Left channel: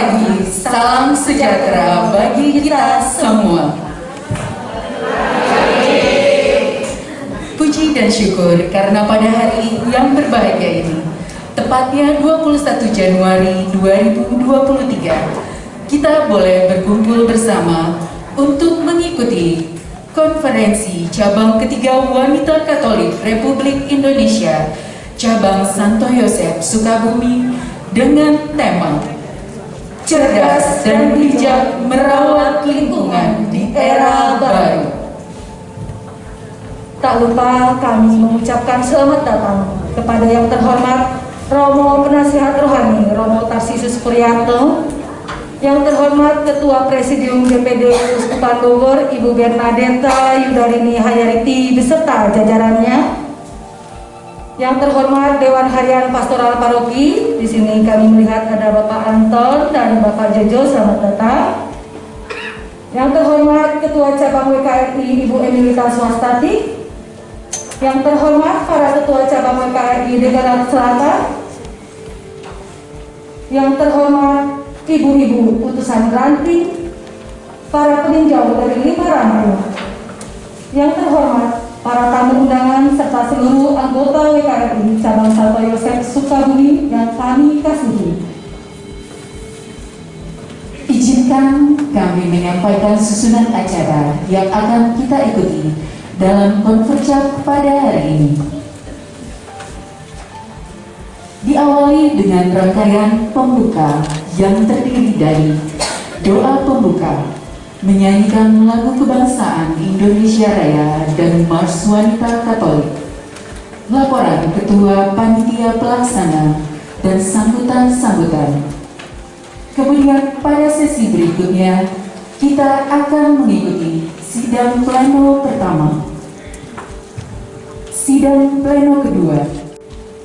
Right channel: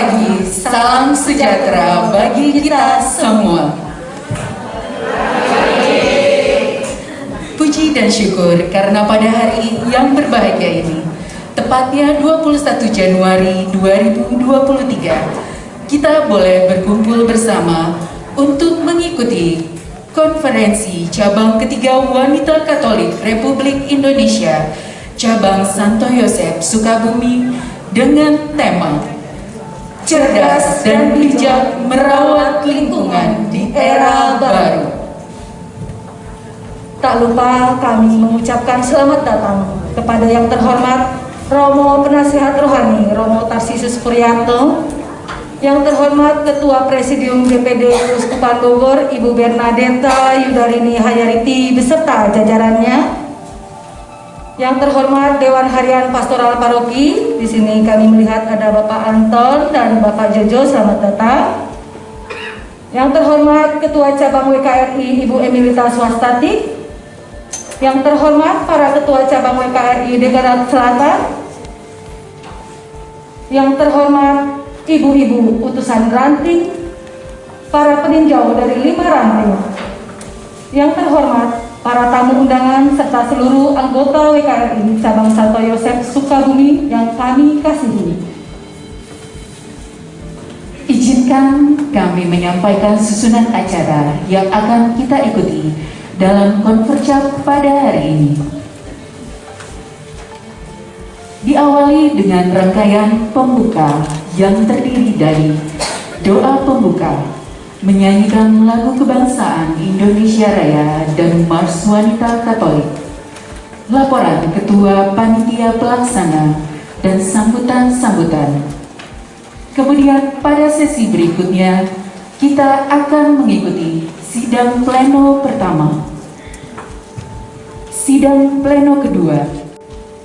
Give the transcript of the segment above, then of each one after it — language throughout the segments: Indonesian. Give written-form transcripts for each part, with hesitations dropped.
pagi, salam sejahtera bagi kita semua. Puji dan syukur karena pada hari yang berbahagia ini, tepatnya 21 Januari 2023, kita boleh berkumpul bersama untuk mengikuti konferensi cabang ketiga Wanita Katolik Republik Indonesia cabang Santo Yosef Sukabumi dengan tema Cerdas dan Bijak Merawat Lingkungan di Era Baru. Tak lupa kami mengucapkan selamat datang kepada yang terhormat Romo Penasihat Rohani Romo Tarsisus Puryanto, yang terhormat Ketua Presidium DPD Uskupan Bogor Ibu Bernadetta Yudarini Hayariti beserta jajarannya, yang terhormat Dewan Harian Pastoral Paroki. Di sini kami melihat ada Bapak Anton dan Bapak Jojo, selamat datang. Yang terhormat Ketua Cabang WKRI Ibu Emilita Swastati. Yang terhormat para Ketua Cabang WKRI Degara Selatan. Yang terhormat Ibu-ibu utusan ranting, para peninjau dari 5 ranting. Yang terhormat para tamu undangan serta seluruh anggota WKRI cabang Santo Yosef Sukabumi yang kami kasihi. Izinkan kami menyampaikan susunan acara yang akan kita ikuti dalam konferensi pada hari ini. Diawali dengan rangkaian pembuka yang terdiri dari doa pembuka, menyanyikan lagu kebangsaan Indonesia Raya dan Mars Wanita Katolik, laporan Ketua Panitia Pelaksana, dan sambutan-sambutan. Kemudian pada sesi berikutnya, kita akan mengikuti sidang pleno pertama, sidang pleno kedua,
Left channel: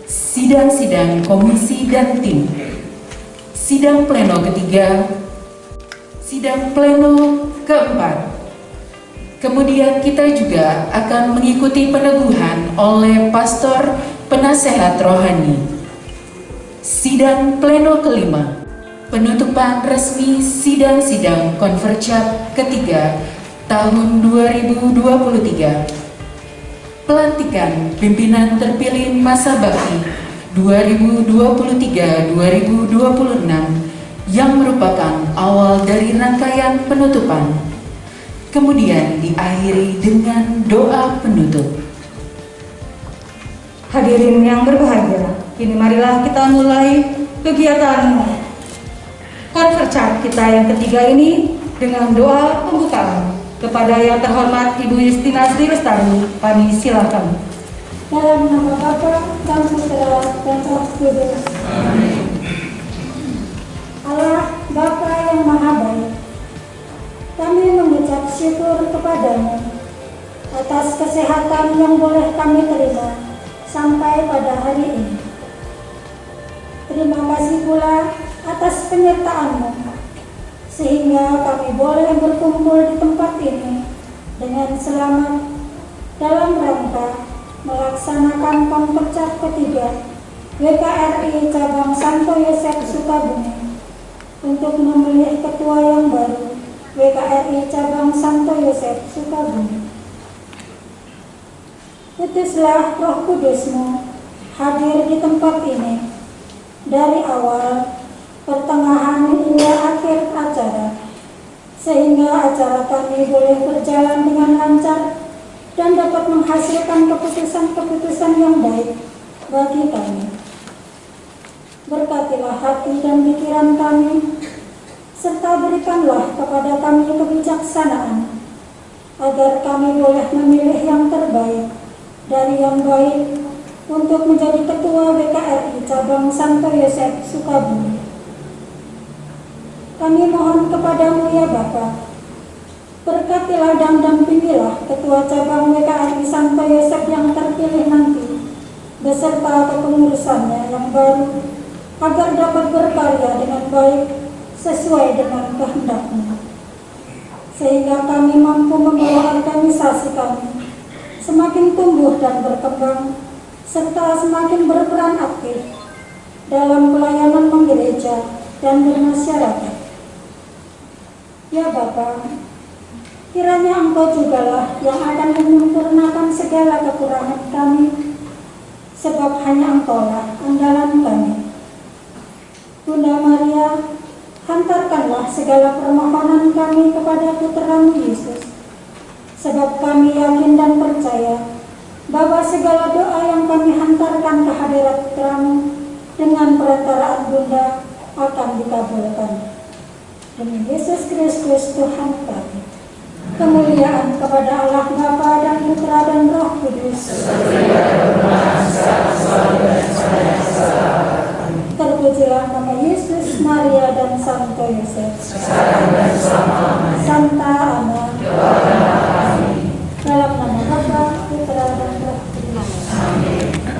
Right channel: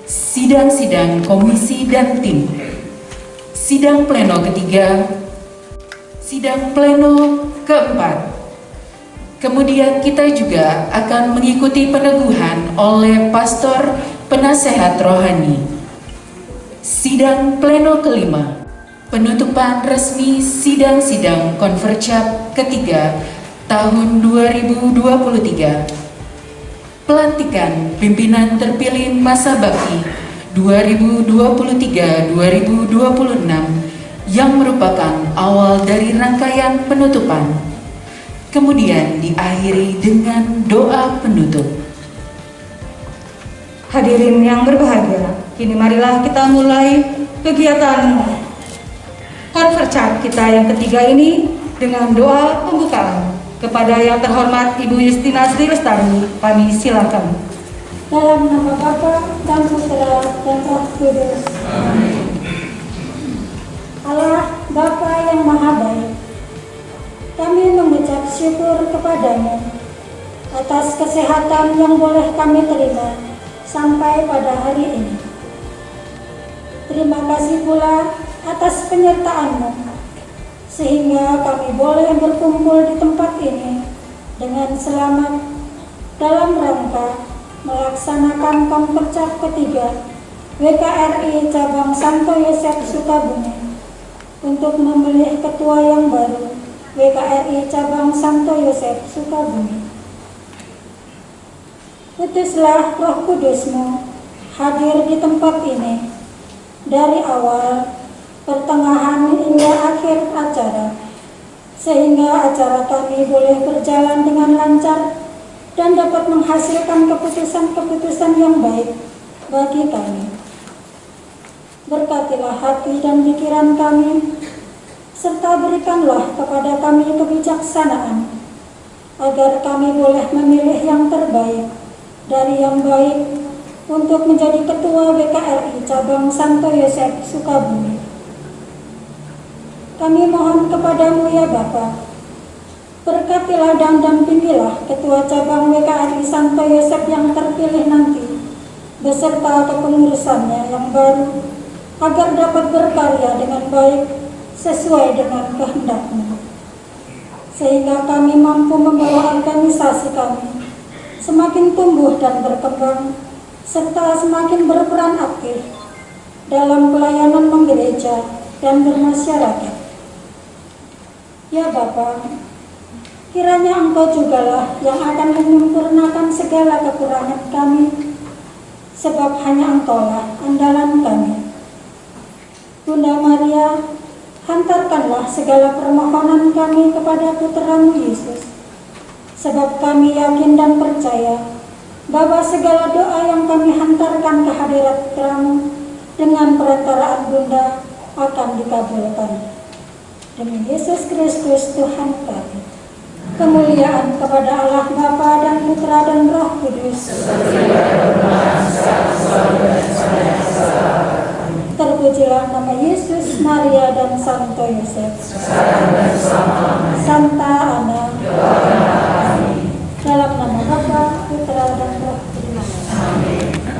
sidang-sidang komisi dan tim, sidang pleno ketiga, sidang pleno keempat. Kemudian kita juga akan mengikuti peneguhan oleh pastor penasehat rohani. Sidang pleno kelima, penutupan resmi sidang-sidang konfercap ketiga tahun 2023. Pelantikan pimpinan terpilih masa bakti 2023-2026 yang merupakan awal dari rangkaian penutupan, kemudian diakhiri dengan doa penutup. Hadirin yang berbahagia, kini marilah kita mulai kegiatan konferensi kita yang ketiga ini dengan doa pembukaan. Kepada yang terhormat Ibu Justina Sri Lestari, kami silakan. Dalam nama Bapa dan Putra dan Roh Kudus. Amin. Allah Bapa yang Maha Baik, kami mengucap syukur kepadamu atas kesehatan yang boleh kami terima sampai pada hari ini. Terima kasih pula atas penyertaan-Mu sehingga kami boleh berkumpul di tempat ini dengan selamat dalam rangka melaksanakan konferensi ketiga WKRI cabang Santo Yosef Sukabumi untuk memilih ketua yang baru WKRI cabang Santo Yosef Sukabumi. Utuslah Roh Kudus-Mu hadir di tempat ini dari awal, pertengahan hingga akhir acara, sehingga acara kami boleh berjalan dengan lancar dan dapat menghasilkan keputusan-keputusan yang baik bagi kami. Berkatilah hati dan pikiran kami, serta berikanlah kepada kami kebijaksanaan, agar kami boleh memilih yang terbaik dari yang baik untuk menjadi ketua WKRI cabang Santo Yosef Sukabumi. Kami mohon kepadamu ya Bapa, berkatilah dan dampingilah ketua cabang WKRI Santo Yosef yang terpilih nanti, beserta kepengurusannya yang baru, agar dapat berkarya dengan baik sesuai dengan kehendak-Mu, sehingga kami mampu membawa organisasi kami semakin tumbuh dan berkembang, serta semakin berperan aktif dalam pelayanan menggereja dan bermasyarakat. Ya Bapa, kiranya Engkau jugalah yang akan menyempurnakan segala kekurangan kami, sebab hanya Engkaulah andalan kami. Bunda Maria, hantarkanlah segala permohonan kami kepada Putra-Mu Yesus, sebab kami yakin dan percaya bahwa segala doa yang kami hantarkan ke hadirat Putra-Mu dengan perantaraan Bunda akan dikabulkan. Demi Yesus Kristus Tuhan kami. Kemuliaan kepada Allah Bapa dan Putra dan Roh Kudus. Terpujilah nama Yesus, Maria dan Santo Yosef. Santa Ana. Dalam nama Bapa, Putra dan Roh Kudus. Amin.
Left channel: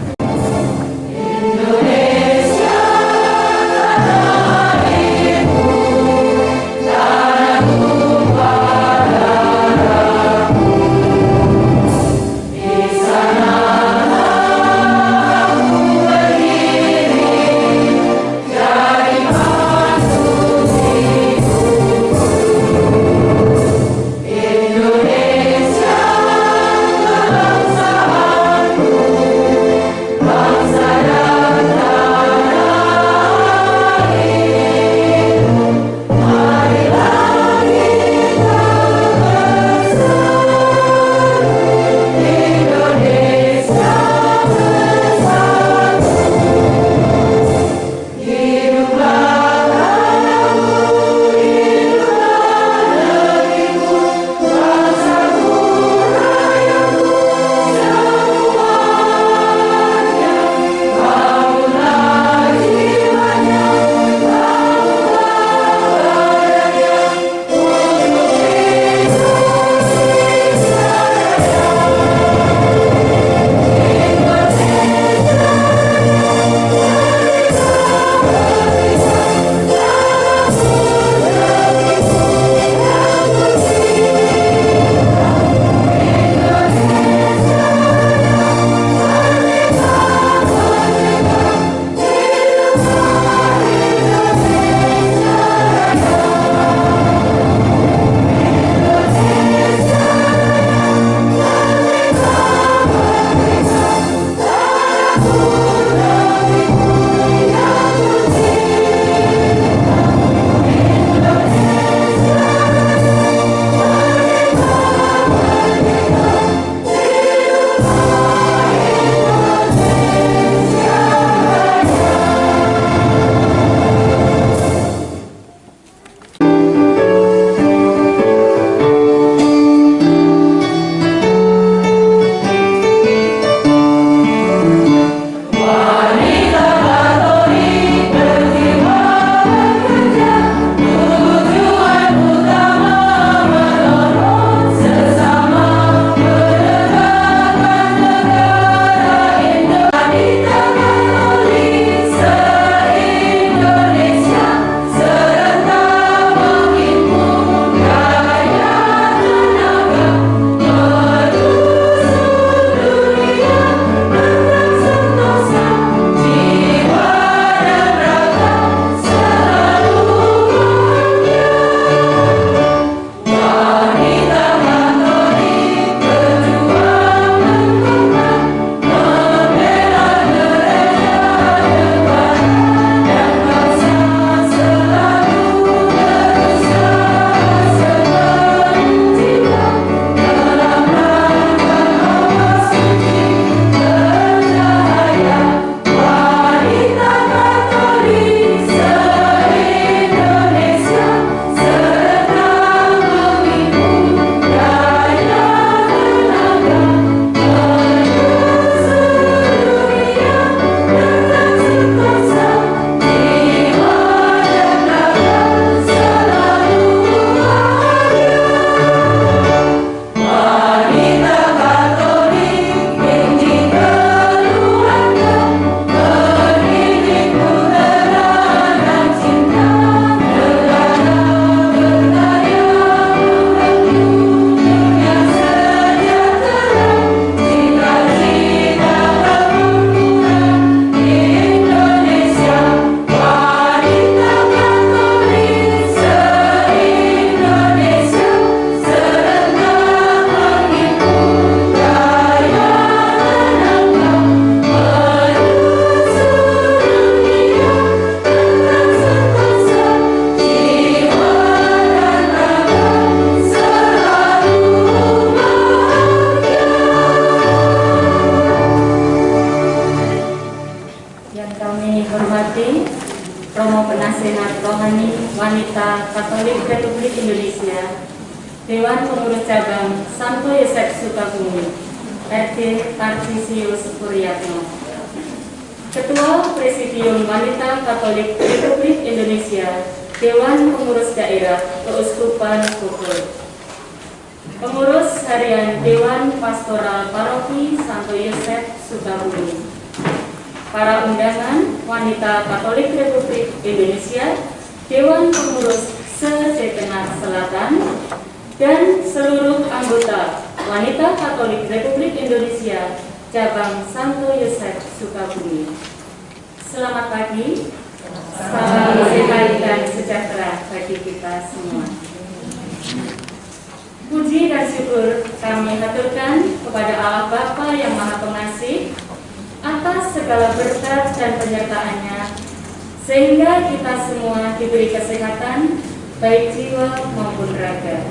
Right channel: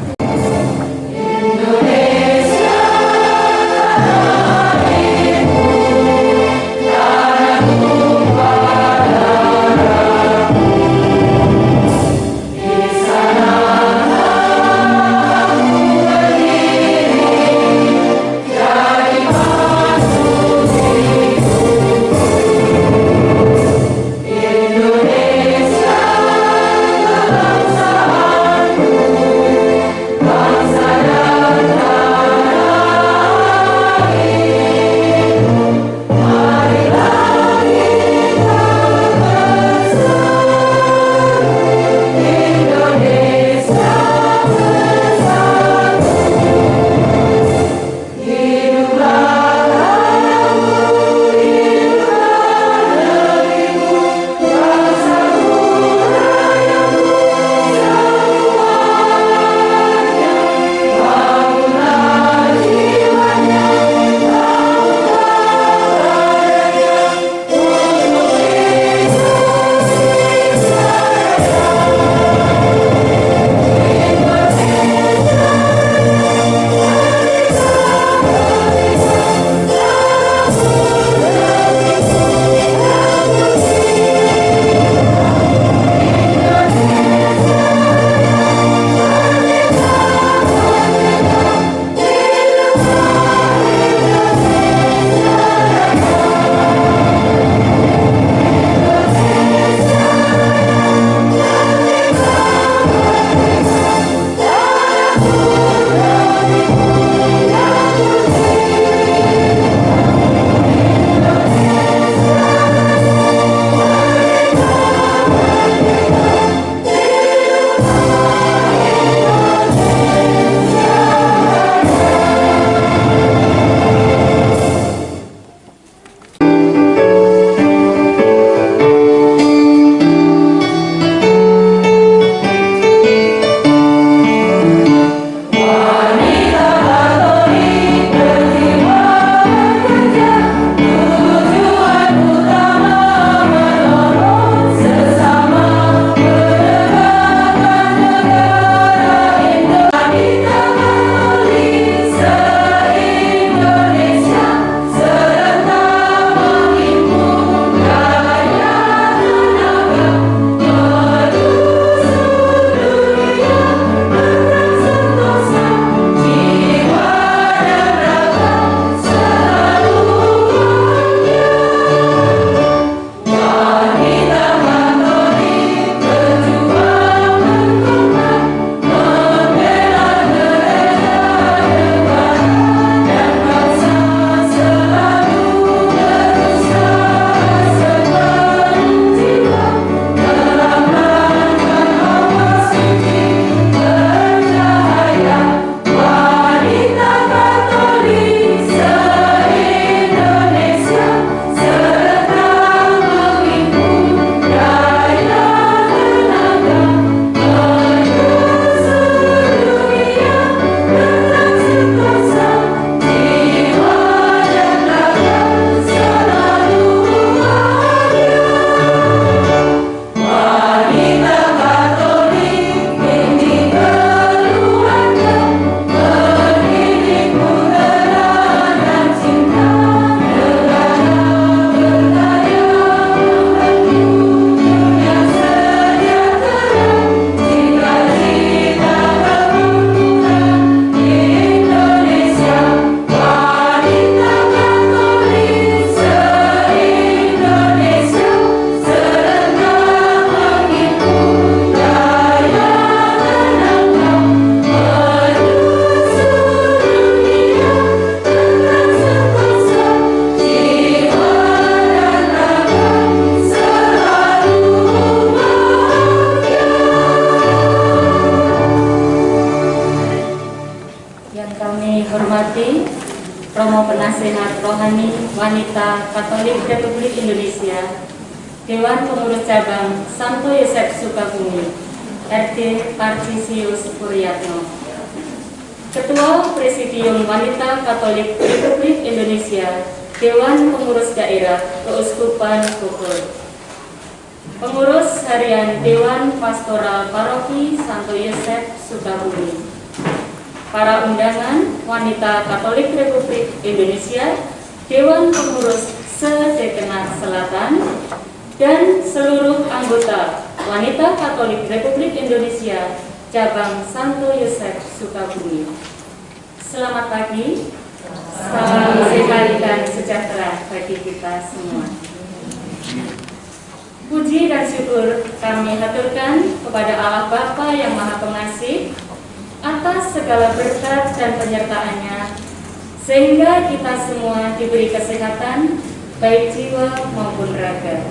hormati Romo Penasehat Rohani Wanita Katolik Republik Indonesia, Dewan Pengurus Cabang Santo Yosef Sukabumi, RT Tarsisius Supriyatno, Ketua Presidium Wanita Katolik Republik Indonesia, Dewan Pengurus Daerah Keuskupan Bogor, Pengurus Harian Dewan Pastoral Paroki Santo Yosef Sukabumi, para undangan Wanita Katolik Republik Indonesia, Dewan Pengurus se-Dekenat Selatan, dan seluruh anggota Wanita Katolik Republik Indonesia Cabang Santo Yosef Sukabumi. Selamat pagi, salam sehat dan sejahtera bagi kita semua. Puji dan syukur kami haturkan kepada Allah Bapa yang Maha Pengasih atas segala berkat dan penyertaannya, sehingga kita semua diberi kesehatan baik jiwa maupun raga.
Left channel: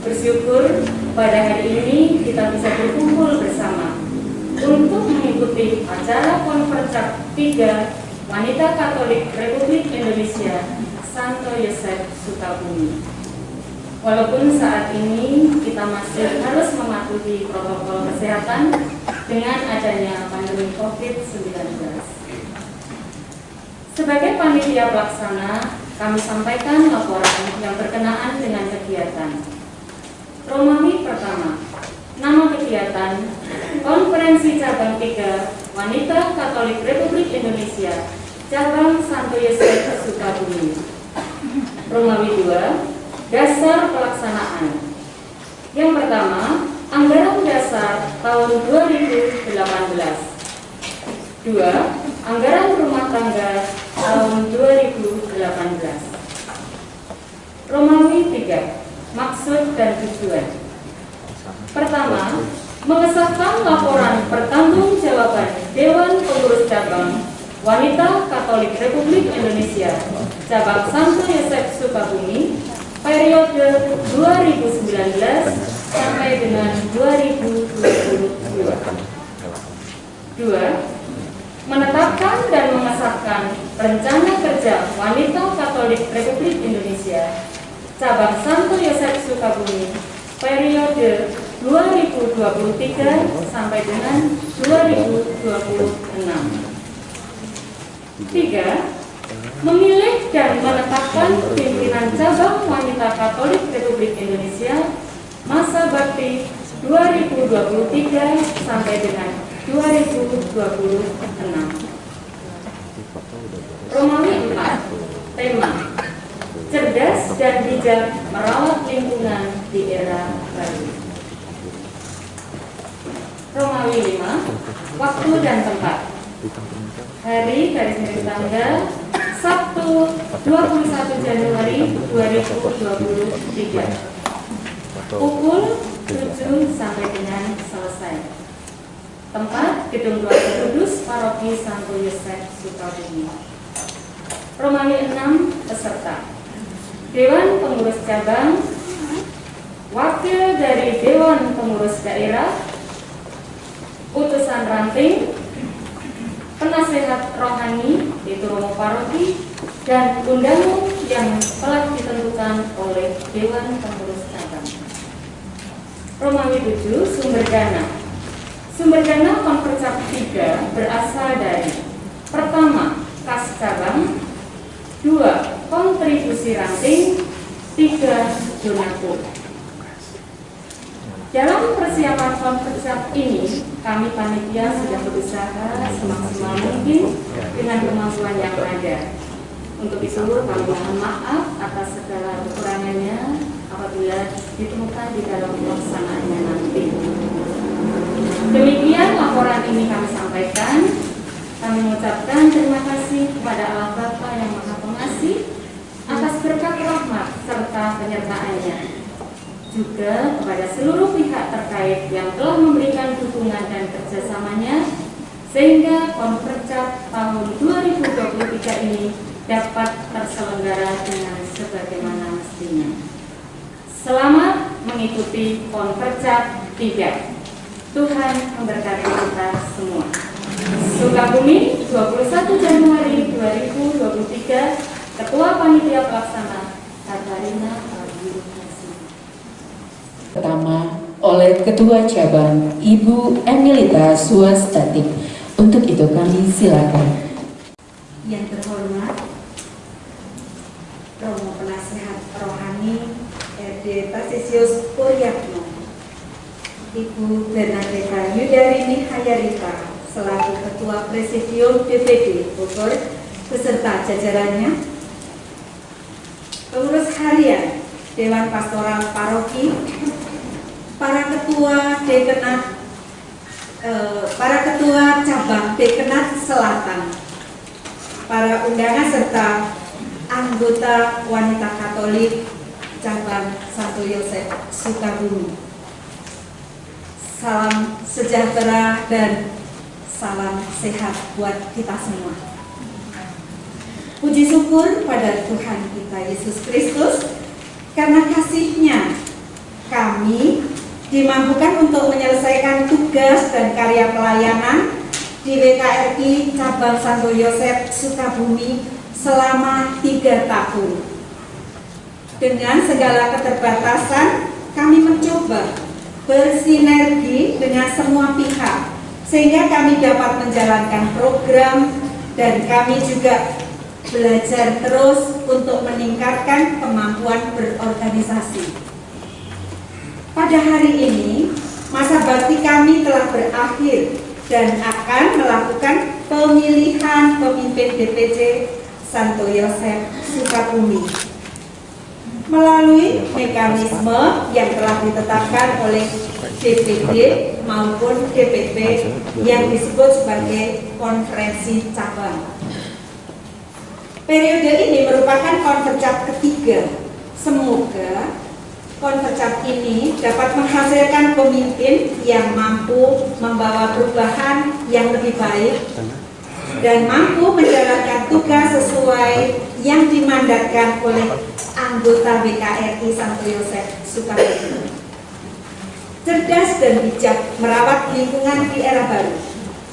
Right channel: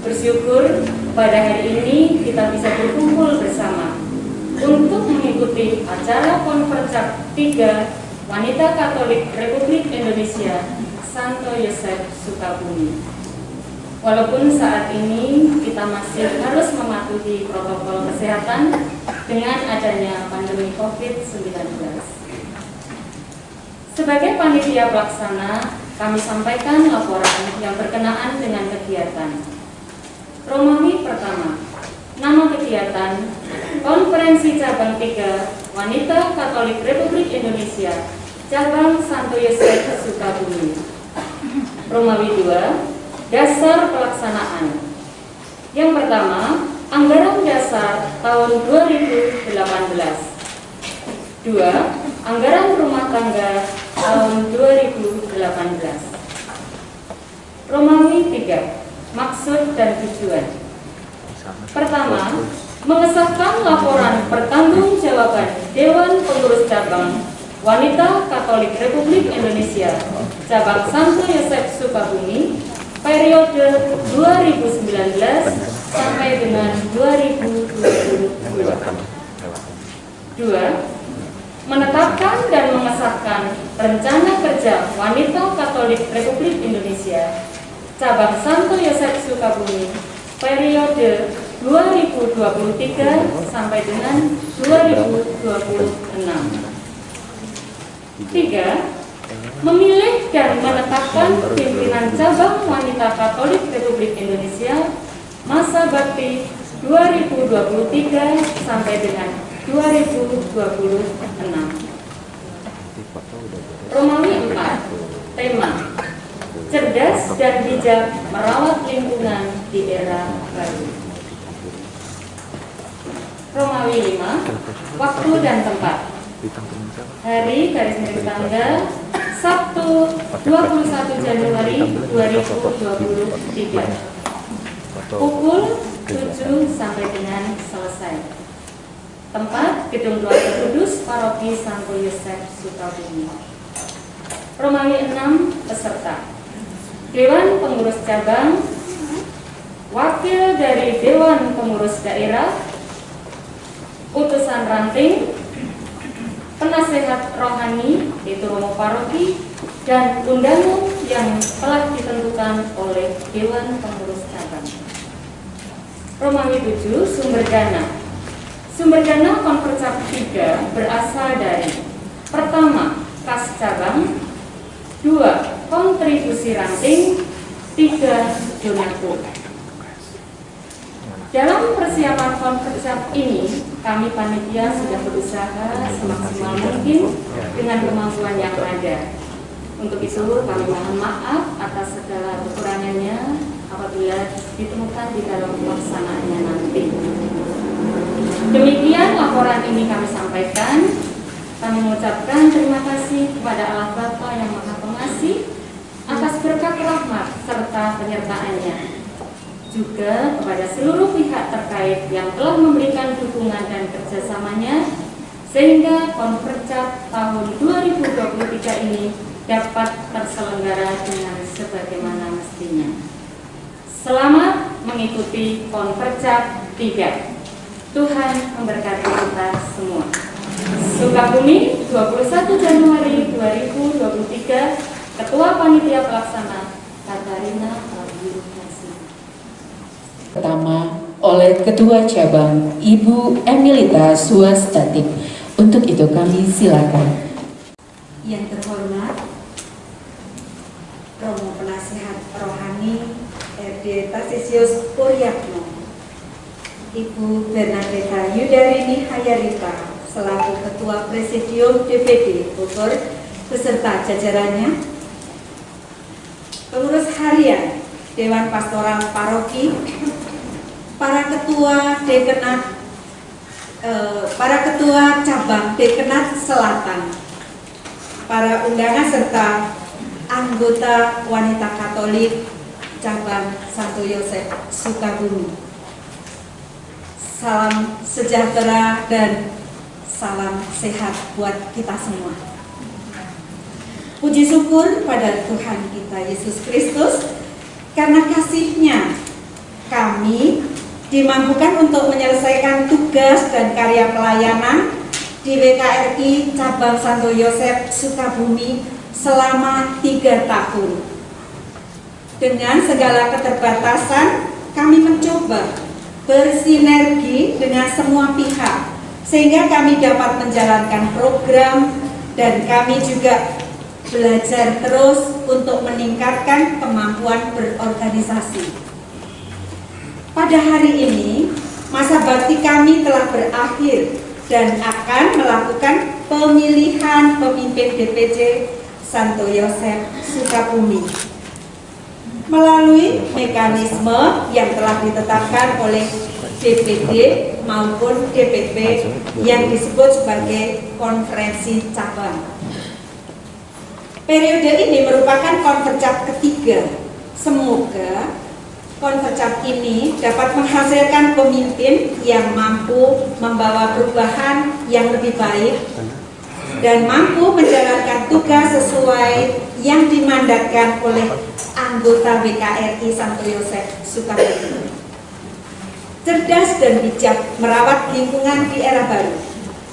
Bersyukur pada hari ini kita bisa berkumpul bersama untuk mengikuti acara Konferensi 3 Wanita Katolik Republik Indonesia Santo Yosef Sukabumi. Walaupun saat ini kita masih harus mematuhi protokol kesehatan dengan adanya pandemi COVID-19. Sebagai panitia pelaksana, kami sampaikan laporan yang berkenaan dengan kegiatan. Romawi pertama, nama kegiatan Konferensi Cabang 3 Wanita Katolik Republik Indonesia Cabang Santo Yosef Sukabumi. Romawi 2, dasar pelaksanaan. Yang pertama, anggaran dasar tahun 2018. 2. Anggaran rumah tangga tahun 2018. Romawi 3. Maksud dan tujuan. Pertama, mengesahkan laporan pertanggungjawaban Dewan Pengurus Cabang Wanita Katolik Republik Indonesia Cabang Santo Yosef Sukabumi periode 2019 sampai dengan 2022. 2. Menetapkan dan mengesahkan rencana kerja Wanita Katolik Republik Indonesia Cabang Santo Yosef Sukabumi periode 2023 sampai dengan 2026. 3. Memilih dan menetapkan pimpinan cabang Wanita Katolik Republik Indonesia masa bakti 2023 sampai dengan 2026. Romawi 4. Tema: cerdas dan bijak merawat lingkungan di era baru. Romawi 5. Waktu dan tempat. Hari garis miring tanggal Sabtu 21 Januari 2023, pukul 7 sampai dengan selesai. Tempat Gedung Keluarga Kudus Paroki Santo Yosef Sukabumi. Romawi 6. Peserta: Dewan Pengurus Cabang, wakil dari Dewan Pengurus Daerah, utusan ranting, penasehat rohani yaitu Romo Paroki, dan undangan yang telah ditentukan oleh Dewan Pengurus Cabang. Romawi 7. Sumber dana. Sumber dana Konferensi 3 berasal dari: pertama, kas cabang; 2. kontribusi ranting; 3. donatur. Dalam persiapan konferensi ini, kami panitia sudah berusaha semaksimal mungkin dengan kemampuan yang ada. Untuk itu, kami mohon maaf atas segala kekurangannya apabila ditemukan di dalam pelaksanaannya nanti. Demikian laporan ini kami sampaikan. Kami mengucapkan terima kasih kepada Allah Bapa yang Maha Pengasih atas berkat rahmat serta penyertaannya. Juga kepada seluruh pihak terkait yang telah memberikan dukungan dan kerjasamanya, sehingga konferensi tahun 2023 ini dapat terselenggara dengan sebagaimana mestinya. Selamat mengikuti konferensi 3. Tuhan memberkati kita semua. Sukabumi, 21 Januari 2023, Ketua Panitia Pelaksana Katarina Aldirukasi. Pertama, oleh Ketua Cabang Ibu Emilita Suwastatik. Untuk itu kami silakan. Yang terhormat Romo Penasehat Rohani RD Tarsisius Puryatno, Ibu Bernadetta Yudarini Hayarita selaku Ketua Presidium DPD Bogor beserta jajarannya, pengurus harian Dewan Pastoral Paroki, para ketua dekenat, para ketua cabang dekenat Selatan, para undangan serta anggota wanita Katolik cabang Santo Yosef Sukabumi. Salam sejahtera dan salam sehat buat kita semua. Puji syukur pada Tuhan kita Yesus Kristus, karena kasih-Nya kami dimampukan untuk menyelesaikan tugas dan karya pelayanan di WKRI Cabang Santo Yosef Sukabumi selama 3 tahun. Dengan segala keterbatasan, kami mencoba bersinergi dengan semua pihak sehingga kami dapat menjalankan program, dan kami juga belajar terus untuk meningkatkan kemampuan berorganisasi. Pada hari ini, masa bakti kami telah berakhir dan akan melakukan pemilihan pemimpin DPC Santo Yosef Sukabumi melalui mekanisme yang telah ditetapkan oleh DPD maupun DPP yang disebut sebagai konferensi cabang. Periode ini merupakan konfercap ketiga. Semoga konfercap ini dapat menghasilkan pemimpin yang mampu membawa perubahan yang lebih baik dan mampu menjalankan tugas sesuai yang dimandatkan oleh anggota WKRI Santo Yosef Sukabumi. Cerdas dan bijak merawat lingkungan di era baru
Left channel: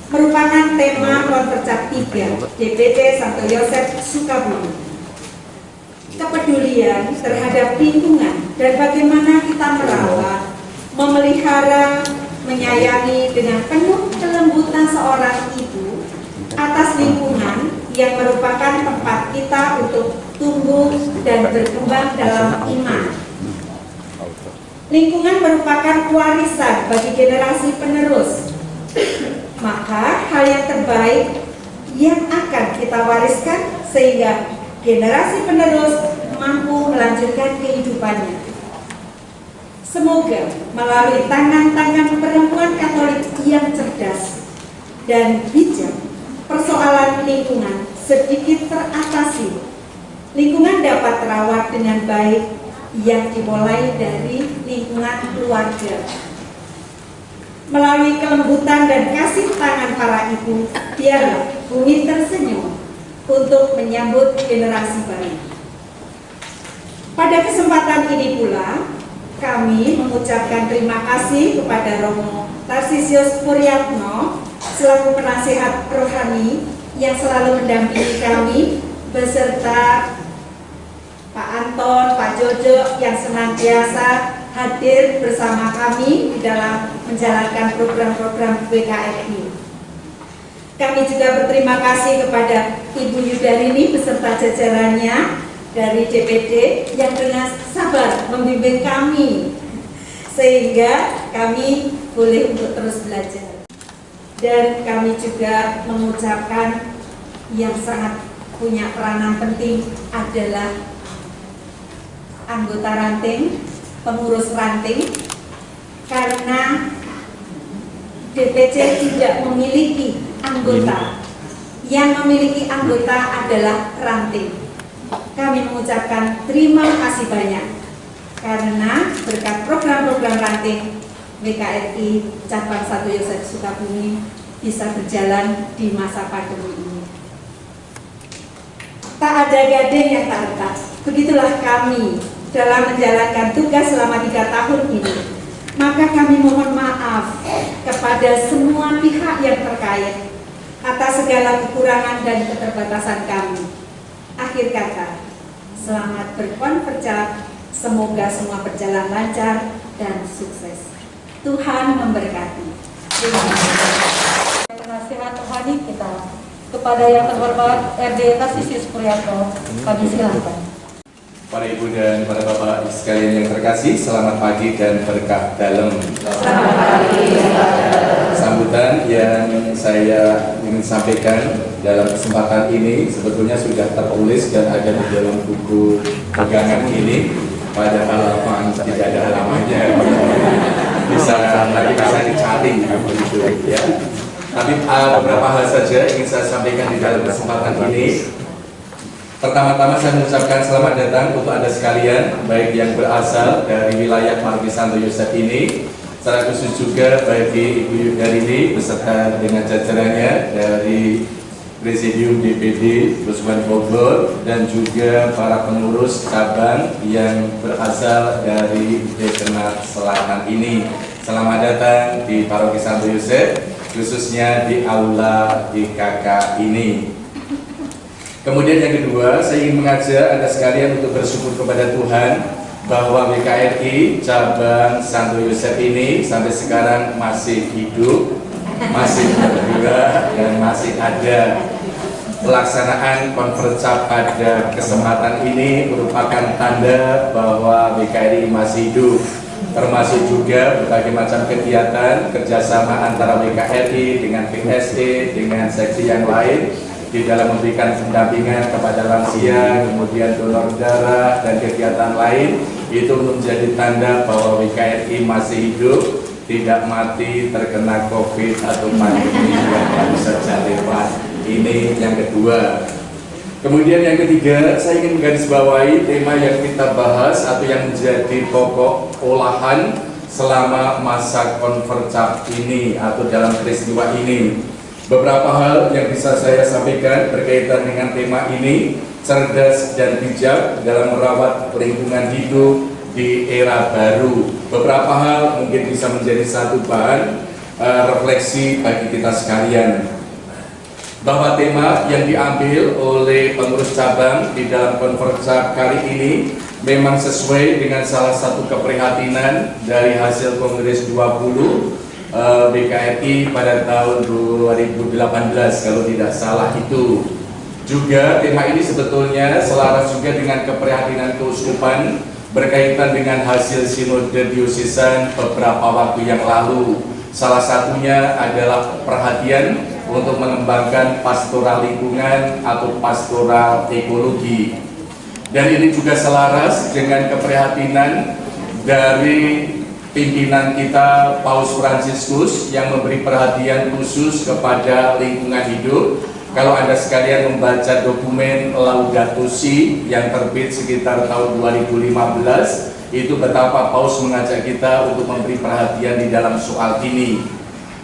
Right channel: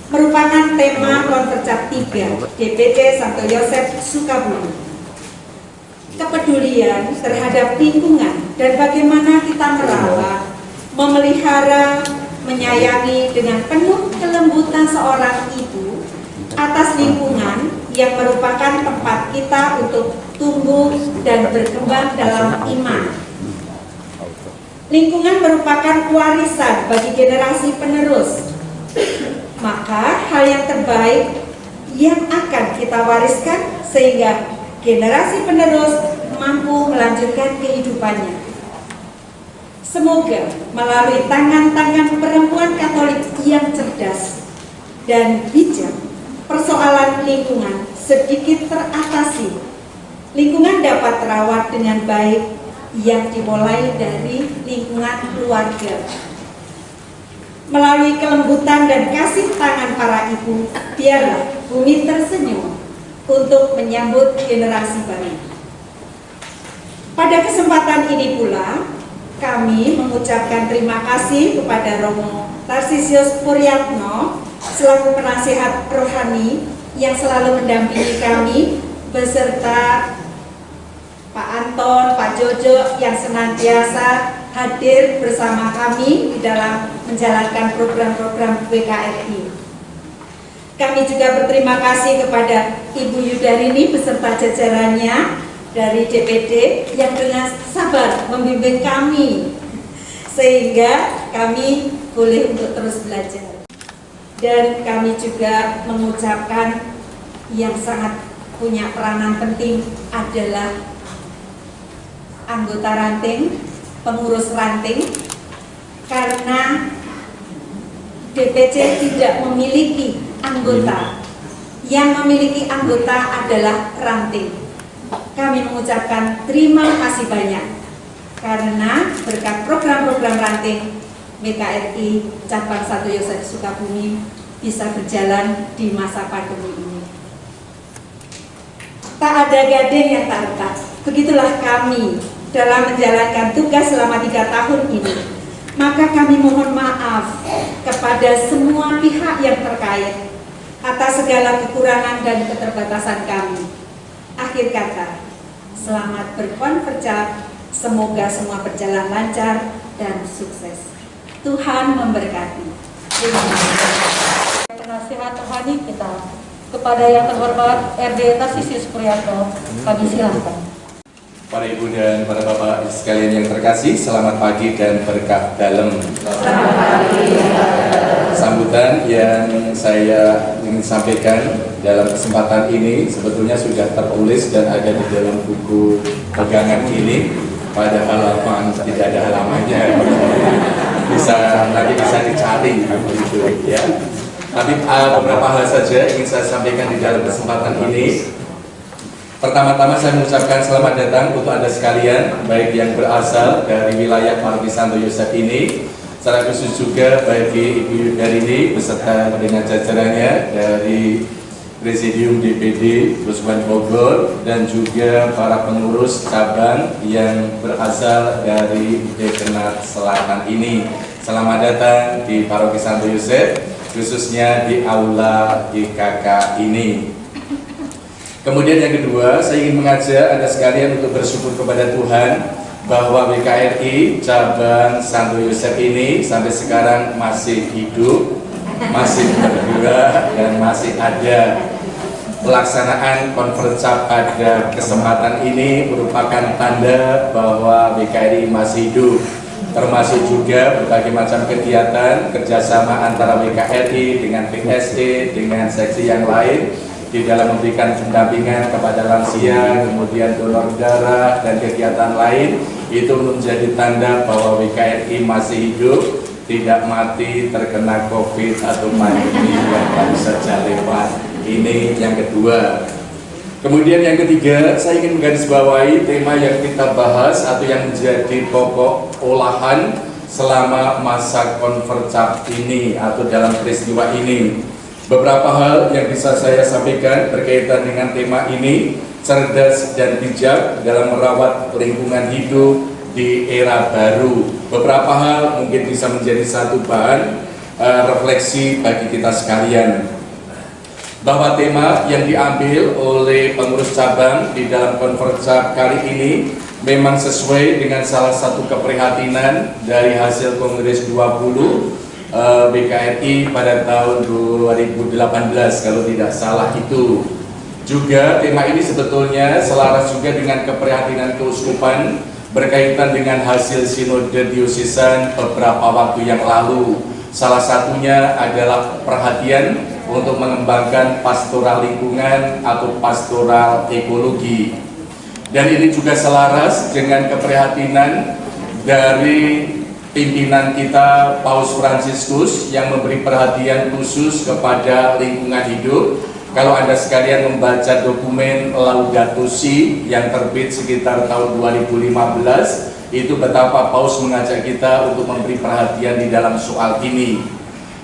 merupakan tema konfercap 3 DPD Santo Yosef Sukabumi. Kepedulian terhadap lingkungan dan bagaimana kita merawat, memelihara, menyayangi dengan penuh kelembutan seorang ibu atas lingkungan yang merupakan tempat kita untuk tumbuh dan berkembang dalam iman. Lingkungan merupakan warisan bagi generasi penerus. Maka hal yang terbaik yang akan kita wariskan sehingga generasi penerus mampu melanjutkan kehidupannya. Semoga melalui tangan-tangan perempuan Katolik yang cerdas dan bijak, persoalan lingkungan sedikit teratasi. Lingkungan dapat terawat dengan baik yang dimulai dari lingkungan keluarga. Melalui kelembutan dan kasih tangan para ibu, biarlah bumi tersenyum untuk menyambut generasi baru. Pada kesempatan ini pula, kami mengucapkan terima kasih kepada Romo Tarsisius Puryatno selaku penasihat rohani yang selalu mendampingi kami, beserta Pak Anton, Pak Jojo yang senantiasa hadir bersama kami di dalam menjalankan program-program WKRI. Kami juga berterima kasih kepada Ibu Yudarini beserta jajarannya dari DPD yang dengan sabar membimbing kami sehingga kami boleh untuk terus belajar. Dan kami juga mengucapkan yang sangat punya peranan penting adalah anggota ranting, pengurus ranting, karena DPC tidak memiliki anggota. Yang memiliki anggota adalah ranting. Kami mengucapkan terima kasih banyak karena berkat program-program ranting WKRI Cabang Santo Yosef Sukabumi bisa berjalan di masa pandemi ini. Tak ada gading yang tak retak. Begitulah kami dalam menjalankan tugas selama 3 tahun ini. Maka kami mohon maaf kepada semua pihak yang terkait atas segala kekurangan dan keterbatasan kami. Akhir kata, selamat berkonverjap, semoga semua berjalan lancar dan sukses. Tuhan memberkati. Terima kasih. Penasihat rohani kita kepada yang terhormat RD Tarsisius Puryanto, kami silakan. Para ibu dan para bapak sekalian yang terkasih, selamat pagi dan berkah dalam. Sambutan yang saya ingin sampaikan dalam kesempatan ini sebetulnya sudah tertulis dan ada di dalam buku pegangan ini, pada halaman tidak ada halamannya. Bisa dicari begitu ya. Tapi beberapa hal saja ingin saya sampaikan di dalam kesempatan ini. Pertama-tama saya mengucapkan selamat datang untuk Anda sekalian, baik yang berasal dari wilayah Paroki Santo Yosef ini, secara khusus juga bagi Ibu Yudarini beserta dengan jajarannya dari Presidium DPD Keuskupan Bogor dan juga para pengurus cabang yang berasal dari Dekenat Selatan ini. Selamat datang di Paroki Santo Yosef, khususnya di Aula IKK ini. Kemudian yang kedua, saya ingin mengajak Anda sekalian untuk bersyukur kepada Tuhan bahwa WKRI cabang Santo Yosef ini sampai sekarang masih hidup, masih bergerak, dan masih ada. Pelaksanaan konferensi pada kesempatan ini merupakan tanda bahwa WKRI masih hidup, termasuk juga berbagai macam kegiatan kerjasama antara WKRI dengan PSE, dengan seksi yang lain di dalam memberikan pendampingan kepada lansia, kemudian donor darah dan kegiatan lain. Itu menjadi tanda bahwa WKRI masih hidup, tidak mati terkena COVID atau pandemi yang baru saja lewat. Ini yang kedua. Kemudian yang ketiga, saya ingin menggarisbawahi tema yang kita bahas atau yang menjadi pokok olahan selama masa konferensi ini atau dalam peristiwa ini. Beberapa hal yang bisa saya sampaikan berkaitan dengan tema ini, cerdas dan bijak dalam merawat lingkungan hidup di era baru. Beberapa hal mungkin bisa menjadi satu bahan refleksi bagi kita sekalian. Bahwa tema yang diambil oleh pengurus cabang di dalam konferensi kali ini memang sesuai dengan salah satu keprihatinan dari hasil Kongres 20 BKRI pada tahun 2018 kalau tidak salah itu. Juga tema ini sebetulnya selaras juga dengan keprihatinan keuskupan berkaitan dengan hasil sinode diosesan beberapa waktu yang lalu. Salah satunya adalah perhatian untuk mengembangkan pastoral lingkungan atau pastoral ekologi. Dan ini juga selaras dengan keprihatinan dari pimpinan kita Paus Fransiskus yang memberi perhatian khusus kepada lingkungan hidup. Kalau Anda sekalian membaca dokumen Laudato Si yang terbit sekitar tahun 2015, itu betapa Paus mengajak kita untuk memberi perhatian di dalam soal ini.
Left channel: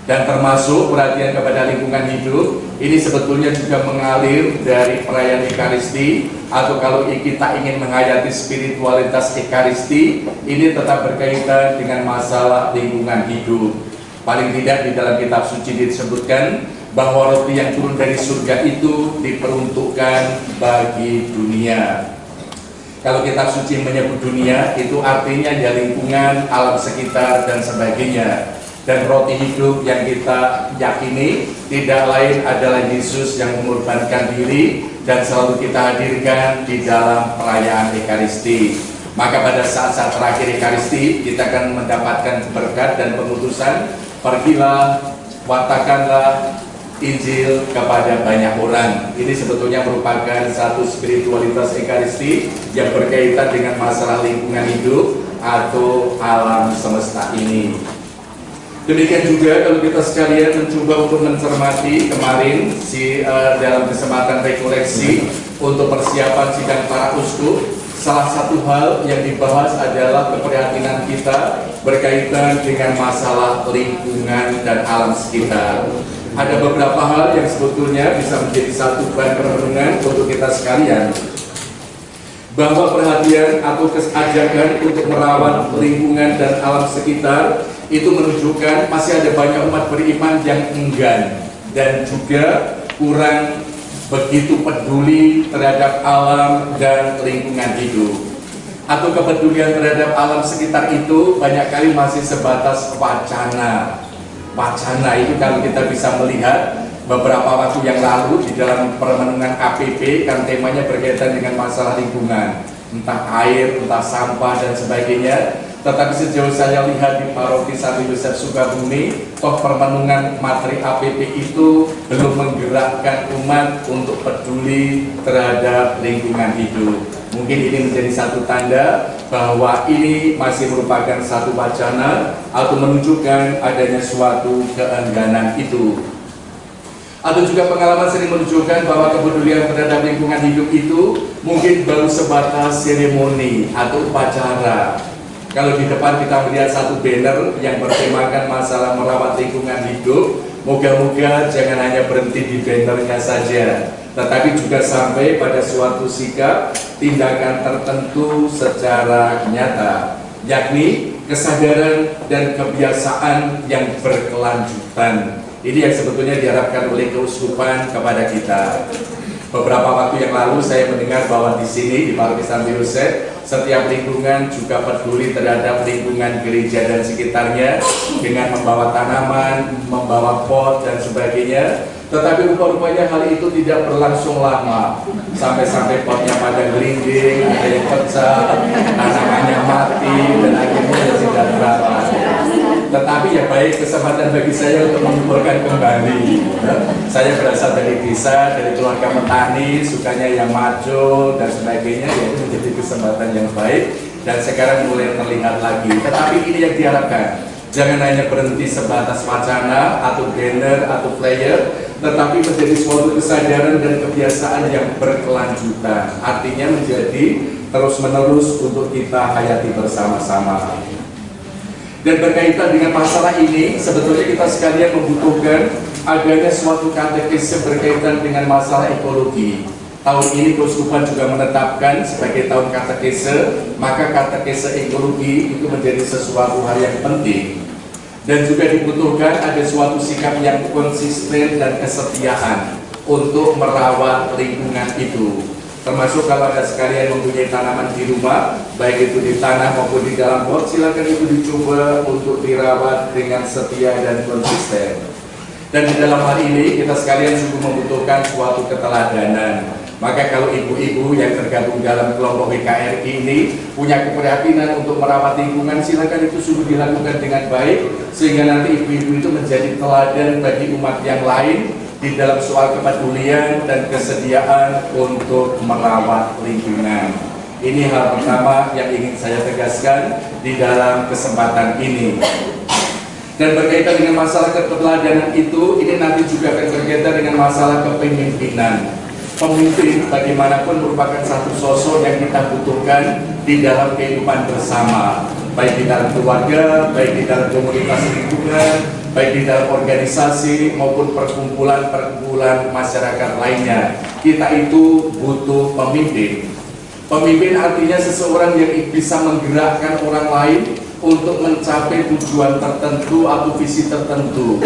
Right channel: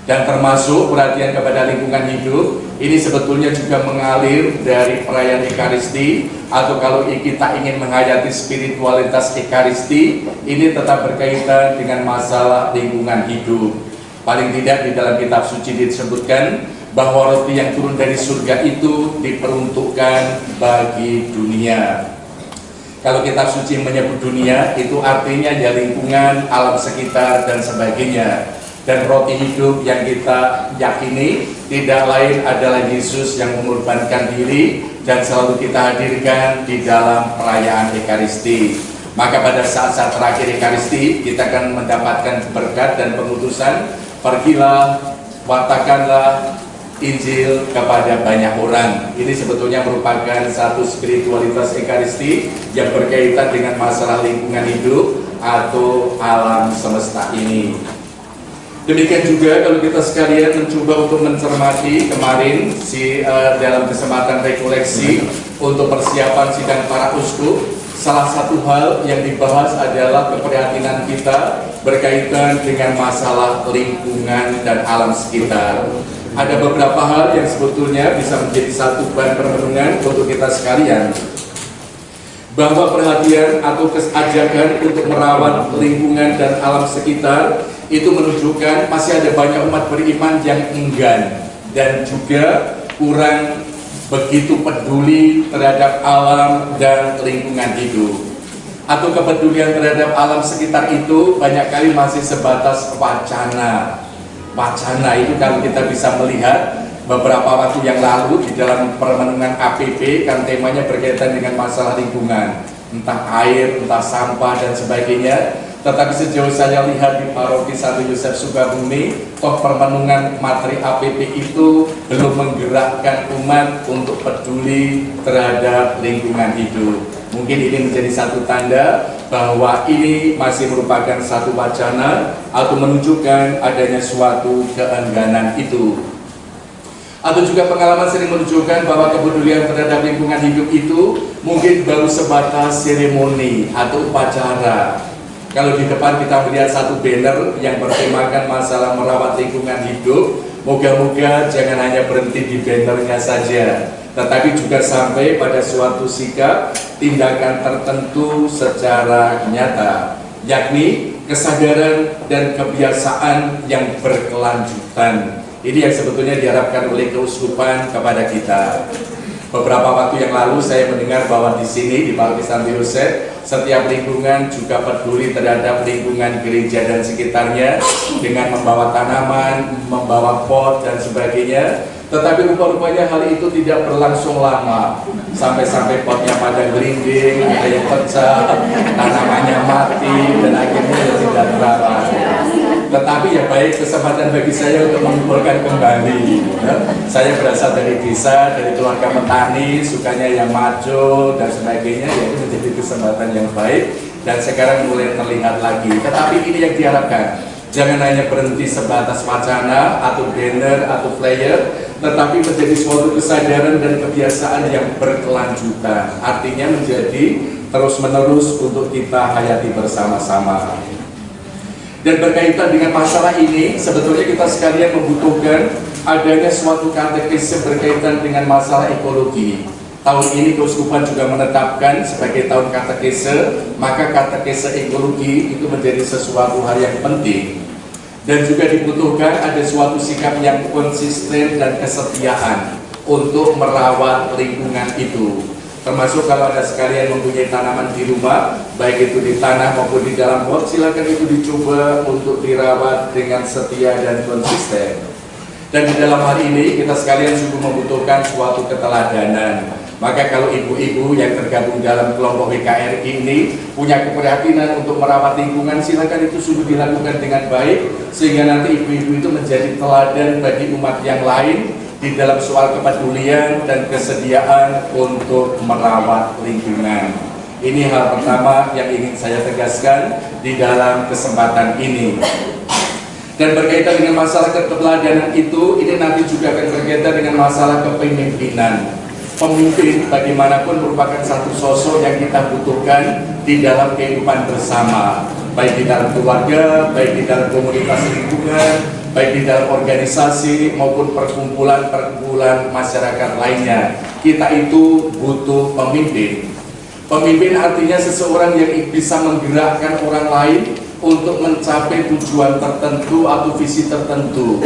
Dan termasuk perhatian kepada lingkungan hidup, ini sebetulnya juga mengalir dari perayaan Ekaristi, atau kalau kita ingin menghayati spiritualitas Ekaristi, ini tetap berkaitan dengan masalah lingkungan hidup. Paling tidak di dalam kitab suci disebutkan bahwa roti yang turun dari surga itu diperuntukkan bagi dunia. Kalau kitab suci menyebut dunia, itu artinya ya lingkungan, alam sekitar, dan sebagainya. Dan roti hidup yang kita yakini tidak lain adalah Yesus yang mengorbankan diri dan selalu kita hadirkan di dalam perayaan Ekaristi. Maka pada saat-saat terakhir Ekaristi kita akan mendapatkan berkat dan pengutusan, pergilah, watakanlah Injil kepada banyak orang. Ini sebetulnya merupakan satu spiritualitas Ekaristi yang berkaitan dengan masalah lingkungan hidup atau alam semesta ini. Demikian juga kalau kita sekalian mencoba untuk mencermati kemarin dalam kesempatan rekoleksi untuk persiapan sidang para uskup, salah satu hal yang dibahas adalah keprihatinan kita berkaitan dengan masalah lingkungan dan alam sekitar. Ada beberapa hal yang sebetulnya bisa menjadi satu bahan perenungan untuk kita sekalian, bahwa perhatian atau kesajakan untuk merawat lingkungan dan alam sekitar itu menunjukkan masih ada banyak umat beriman yang enggan dan juga kurang begitu peduli terhadap alam dan lingkungan hidup, atau kepedulian terhadap alam sekitar itu banyak kali masih sebatas wacana. Wacana itu kalau kita bisa melihat beberapa waktu yang lalu di dalam permenungan KPP kan temanya berkaitan dengan masalah lingkungan, entah air, entah sampah dan sebagainya. Tetapi sejauh saya lihat di Paroki Santo Yosef Sukabumi, toh permenungan materi APP itu belum menggerakkan umat untuk peduli terhadap lingkungan hidup. Mungkin ini menjadi satu tanda bahwa ini masih merupakan satu wacana atau menunjukkan adanya suatu keengganan itu. Atau juga pengalaman sering menunjukkan bahwa kepedulian terhadap lingkungan hidup itu mungkin baru sebatas seremoni atau upacara. Kalau di depan kita melihat satu banner yang bertemakan masalah merawat lingkungan hidup, moga-moga jangan hanya berhenti di bannernya saja, tetapi juga sampai pada suatu sikap tindakan tertentu secara nyata, yakni kesadaran dan kebiasaan yang berkelanjutan. Ini yang sebetulnya diharapkan oleh keuskupan kepada kita. Beberapa waktu yang lalu saya mendengar bahwa di sini di Paroki Santo Yosef setiap lingkungan juga peduli terhadap lingkungan gereja dan sekitarnya dengan membawa tanaman, membawa pot dan sebagainya. Tetapi rupa-rupanya hal itu tidak berlangsung lama, sampai-sampai potnya pada gelinding, ada yang pecah, tanamannya mati dan akhirnya tidak terawat. Tetapi ya baik, kesempatan bagi saya untuk mengumpulkan kembali. Saya berasal dari desa, dari keluarga petani, sukanya yang maju dan sebagainya, ya itu menjadi kesempatan yang baik dan sekarang mulai terlihat lagi. Tetapi ini yang diharapkan, jangan hanya berhenti sebatas wacana atau banner atau flyer, tetapi menjadi suatu kesadaran dan kebiasaan yang berkelanjutan. Artinya menjadi terus-menerus untuk kita hayati bersama-sama. Dan berkaitan dengan masalah ini, sebetulnya kita sekalian membutuhkan adanya suatu katekese berkaitan dengan masalah ekologi. Tahun ini Keuskupan juga menetapkan sebagai tahun katekese, maka katekese ekologi itu menjadi sesuatu hal yang penting. Dan juga dibutuhkan ada suatu sikap yang konsisten dan kesetiaan untuk merawat lingkungan itu. Termasuk kalau ada sekalian mempunyai tanaman di rumah, baik itu di tanah maupun di dalam pot, silakan itu dicoba untuk dirawat dengan setia dan konsisten. Dan di dalam hal ini kita sekalian sungguh membutuhkan suatu keteladanan. Maka kalau ibu-ibu yang tergabung dalam kelompok WKRI ini punya keprihatinan untuk merawat lingkungan, silakan itu sungguh dilakukan dengan baik, sehingga nanti ibu-ibu itu menjadi teladan bagi umat yang lain di dalam soal kepedulian dan kesediaan untuk merawat lingkungan. Ini hal pertama yang ingin saya tegaskan di dalam kesempatan ini. Dan berkaitan dengan masalah keteladanan itu, ini nanti juga akan berkaitan dengan masalah kepemimpinan. Pemimpin bagaimanapun merupakan satu sosok yang kita butuhkan di dalam kehidupan bersama, baik di dalam keluarga, baik di dalam komunitas lingkungan, baik di dalam organisasi maupun perkumpulan-perkumpulan masyarakat lainnya. Kita itu butuh pemimpin. Pemimpin artinya seseorang yang bisa menggerakkan orang lain untuk mencapai tujuan tertentu atau visi tertentu.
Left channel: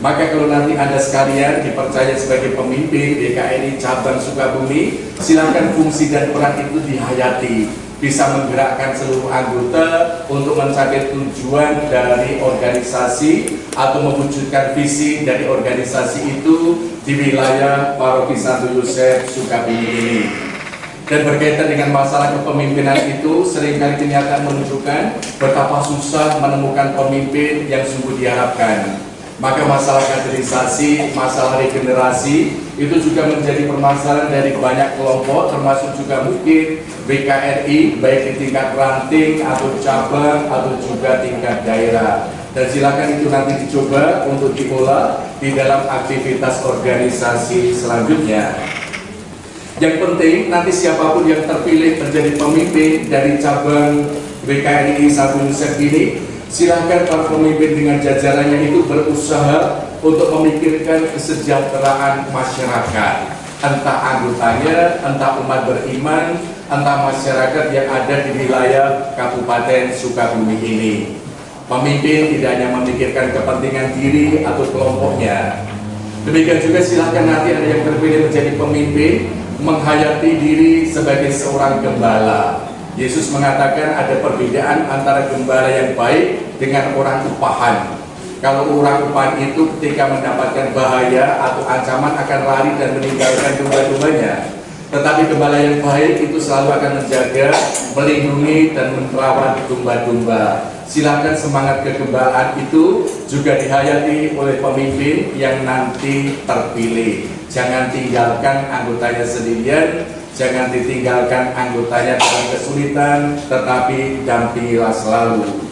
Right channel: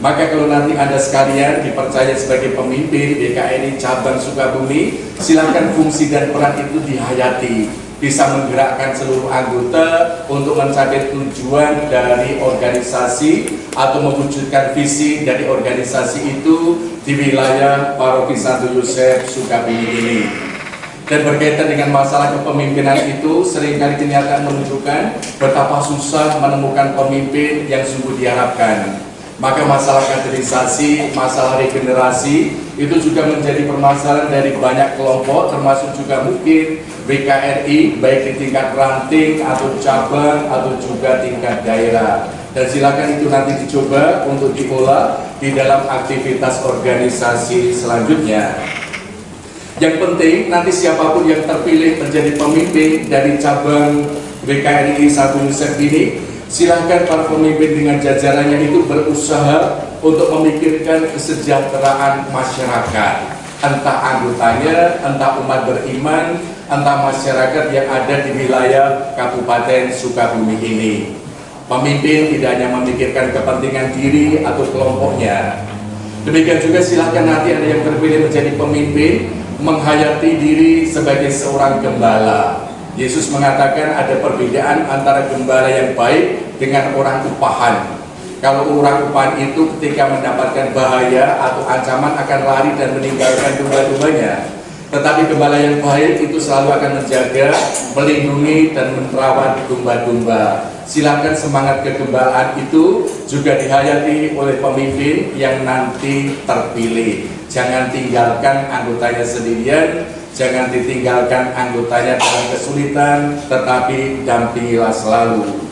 Maka kalau nanti Anda sekalian dipercaya sebagai pemimpin DKRI Cabang Sukabumi, silakan fungsi dan peran itu dihayati, bisa menggerakkan seluruh anggota untuk mencapai tujuan dari organisasi atau mewujudkan visi dari organisasi itu di wilayah Paroki Santo Yosef Sukabumi ini. Dan berkaitan dengan masalah kepemimpinan itu, seringkali kenyataan menunjukkan betapa susah menemukan pemimpin yang sungguh diharapkan. Maka masalah kaderisasi, masalah regenerasi itu juga menjadi permasalahan dari banyak kelompok, termasuk juga mungkin WKRI, baik di tingkat ranting atau cabang atau juga tingkat daerah. Dan silakan itu nanti dicoba untuk diolah di dalam aktivitas organisasi selanjutnya. Yang penting nanti siapapun yang terpilih menjadi pemimpin dari cabang WKRI Santo Yosef ini, silahkan para pemimpin dengan jajarannya itu berusaha untuk memikirkan kesejahteraan masyarakat, entah anggotanya, entah umat beriman, entah masyarakat yang ada di wilayah Kabupaten Sukabumi ini. Pemimpin tidak hanya memikirkan kepentingan diri atau kelompoknya, Demikian juga silahkan nanti ada yang terpilih menjadi pemimpin, menghayati diri sebagai seorang gembala. Yesus mengatakan ada perbedaan antara gembala yang baik dengan orang upahan. Kalau orang upahan itu ketika mendapatkan bahaya atau ancaman akan lari dan meninggalkan domba-dombanya. Tetapi gembala yang baik itu selalu akan menjaga, melindungi, dan merawat domba-domba. Silakan semangat kegembalaan itu juga dihayati oleh pemimpin yang nanti terpilih. Jangan tinggalkan anggotanya sendirian, jangan ditinggalkan anggotanya dalam kesulitan, tetapi dampingilah selalu.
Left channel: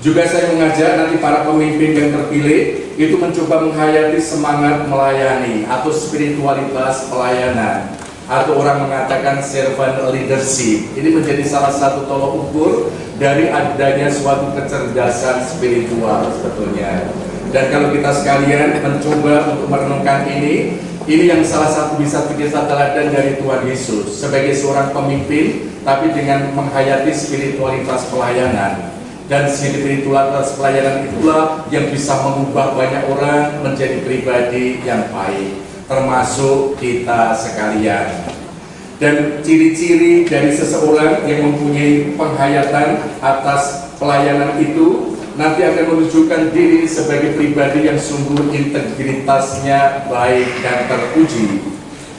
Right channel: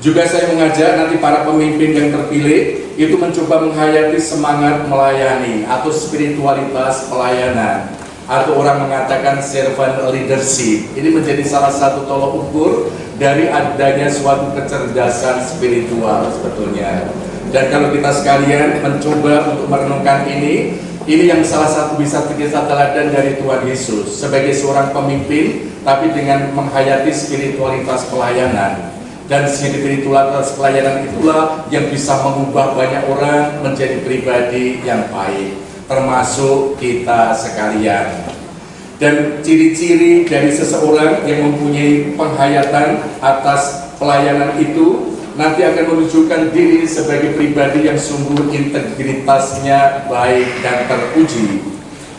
Juga saya mengajak nanti para pemimpin yang terpilih itu mencoba menghayati semangat melayani atau spiritualitas pelayanan, atau orang mengatakan servant leadership. Ini menjadi salah satu tolok ukur dari adanya suatu kecerdasan spiritual sebetulnya. Dan kalau kita sekalian mencoba untuk merenungkan ini yang salah satu bisa kita teladan dari Tuhan Yesus sebagai seorang pemimpin, tapi dengan menghayati spiritualitas pelayanan. Dan spiritualitas pelayanan itulah yang bisa mengubah banyak orang menjadi pribadi yang baik, termasuk kita sekalian. Dan ciri-ciri dari seseorang yang mempunyai penghayatan atas pelayanan itu nanti akan menunjukkan diri sebagai pribadi yang sungguh integritasnya baik dan terpuji,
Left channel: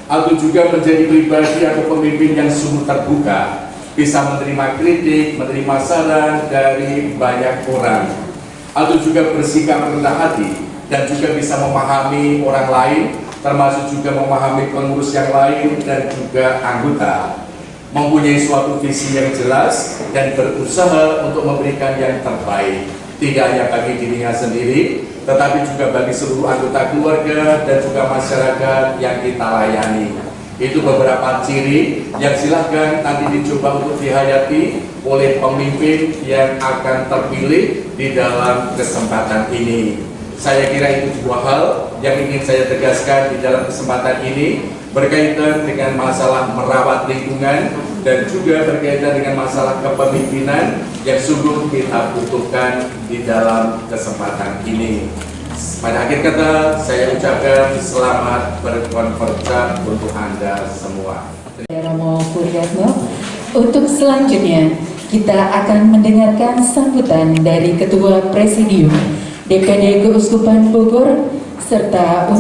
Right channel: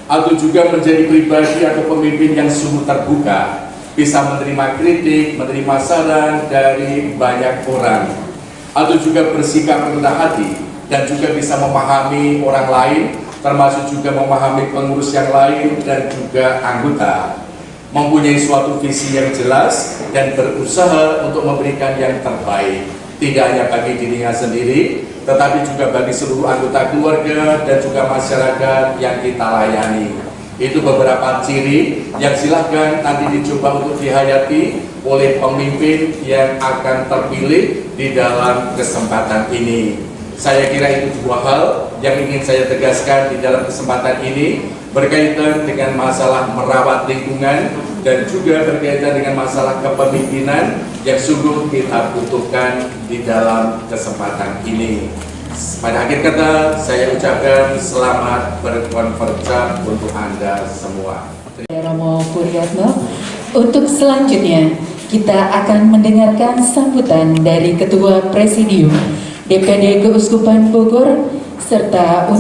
atau juga menjadi pribadi atau pemimpin yang sungguh terbuka, bisa menerima kritik, menerima saran dari banyak orang, atau juga bersikap rendah hati dan juga bisa memahami orang lain, termasuk juga memahami pengurus yang lain dan juga anggota, mempunyai suatu visi yang jelas dan berusaha untuk memberikan yang terbaik, tidak hanya bagi dirinya sendiri, tetapi juga bagi seluruh anggota keluarga dan juga masyarakat yang kita layani. Itu beberapa ciri yang silahkan nanti dicoba untuk dihayati oleh pemimpin yang akan terpilih di dalam kesempatan ini. Saya kira itu dua hal yang ingin saya tegaskan di dalam kesempatan ini, berkaitan dengan masalah merawat lingkungan dan juga berkaitan dengan masalah kepemimpinan yang sungguh kita butuhkan di dalam kesempatan ini. Pada akhir kata, saya ucapkan selamat berkonferensi untuk Anda semua. Romo Puryatno. Untuk selanjutnya, kita akan mendengarkan sambutan dari Ketua Presidium DPD Keuskupan Bogor, serta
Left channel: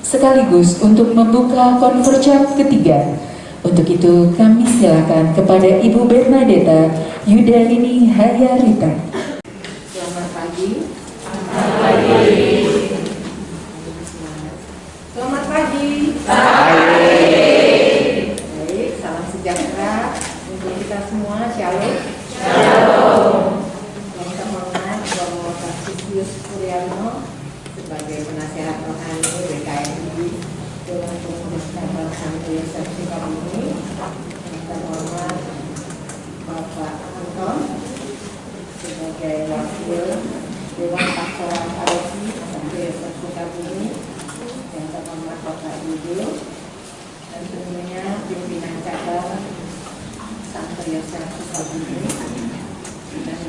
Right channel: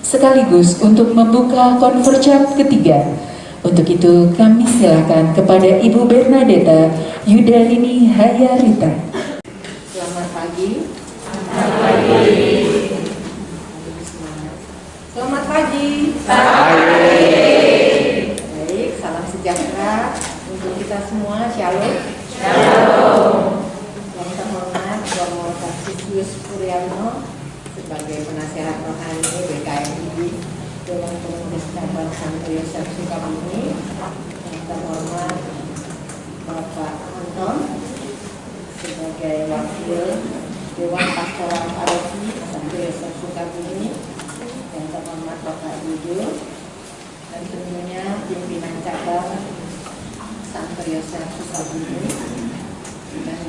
sekaligus untuk membuka konferensi ketiga. Untuk itu, kami silakan kepada Ibu Bernadetta Yudalini Hayarita. Selamat pagi. Selamat pagi. Baik, salam sejahtera untuk kita semua. Shalom. Yang terhormat Romo Tarcisius Puryatno sebagai penasehat rohani WKRI Dewan Pengurus Cabang Santo Yosef Sukabumi. Yang terhormat Bapak Anton sebagai wakil Dewan Pastoral Paroki Santo Yosef Sukabumi, yang terhormat Bapak Ibu, dan tentunya pimpinan cabang Santo Yosef Sukabumi dan